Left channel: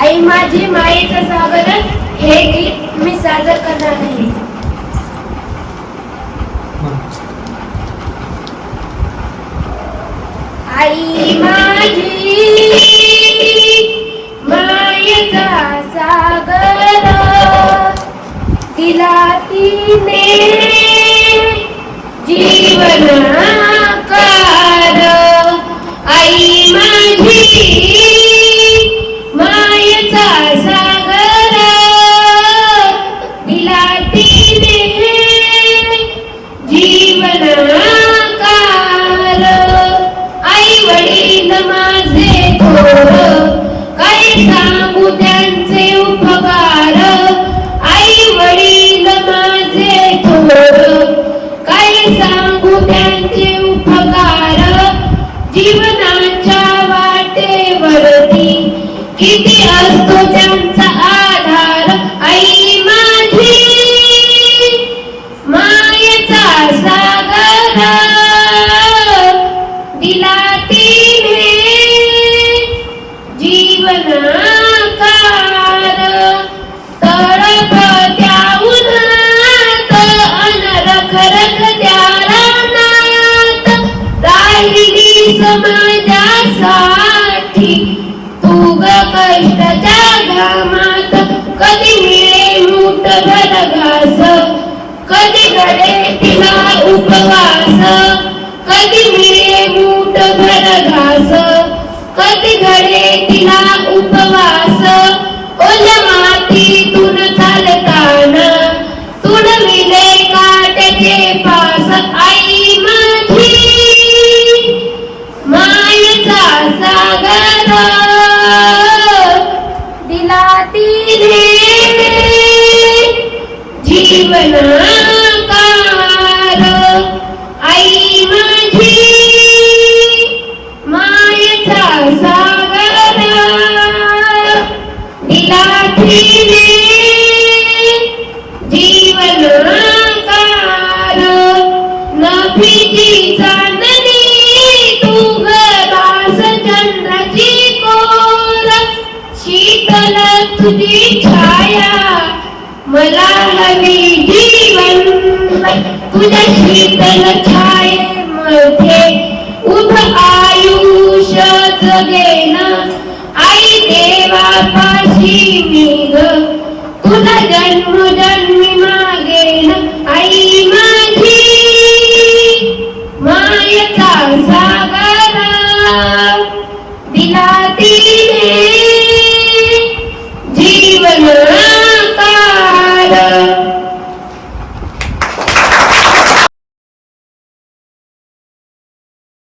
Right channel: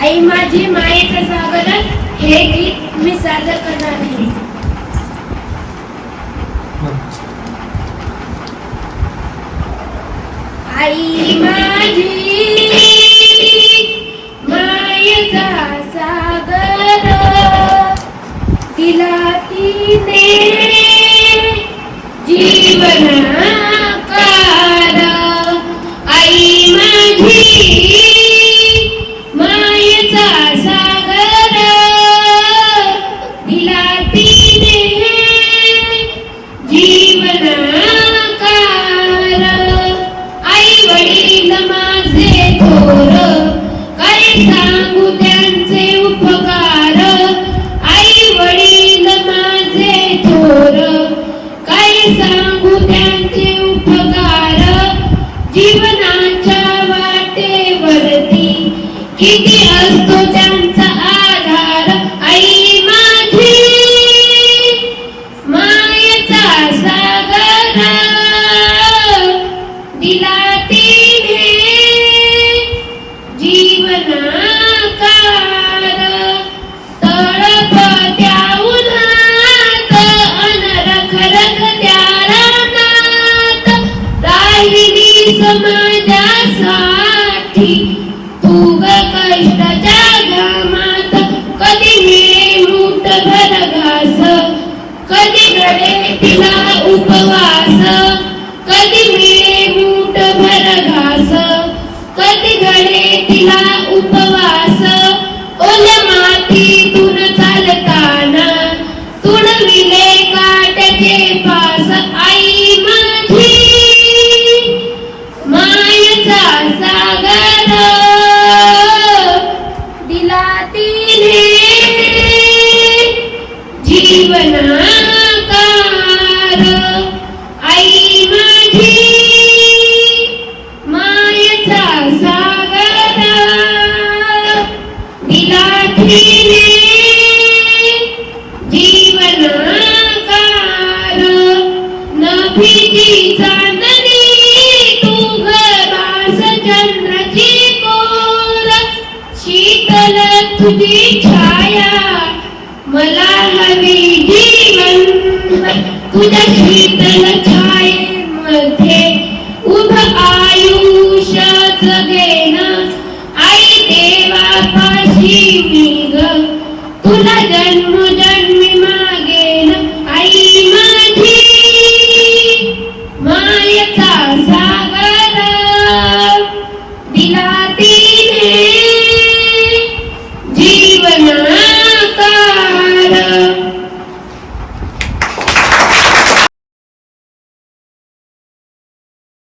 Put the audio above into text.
आई माझी मायेचं सागर हे गीत मी सादर करणार आहे आई माझी मायेचा सागर तिला तिने जीवन वडील माझे थोर काय सांगू त्यांचे उपकार. आई वडील माझे थोर. काय सांगू त्यांचे उपकार. जीवनाच्या वाटेवरती किती असतो त्यांचा समाजासाठी तू ग कष्टाच्या घामात कधी मिळे मूठ घर घास. कधी घडे तिला उपवास. कधी मिळे मूठ घर घास. कधी घडे तिला उपवास. ओल्या मातीतून मायेचा सागर दिला तिने जीवनाकार नभीची चांदणी तू गदास उभ कर्ज घेणा. आई देवा पाशी मी ग तुला जन्म जन्म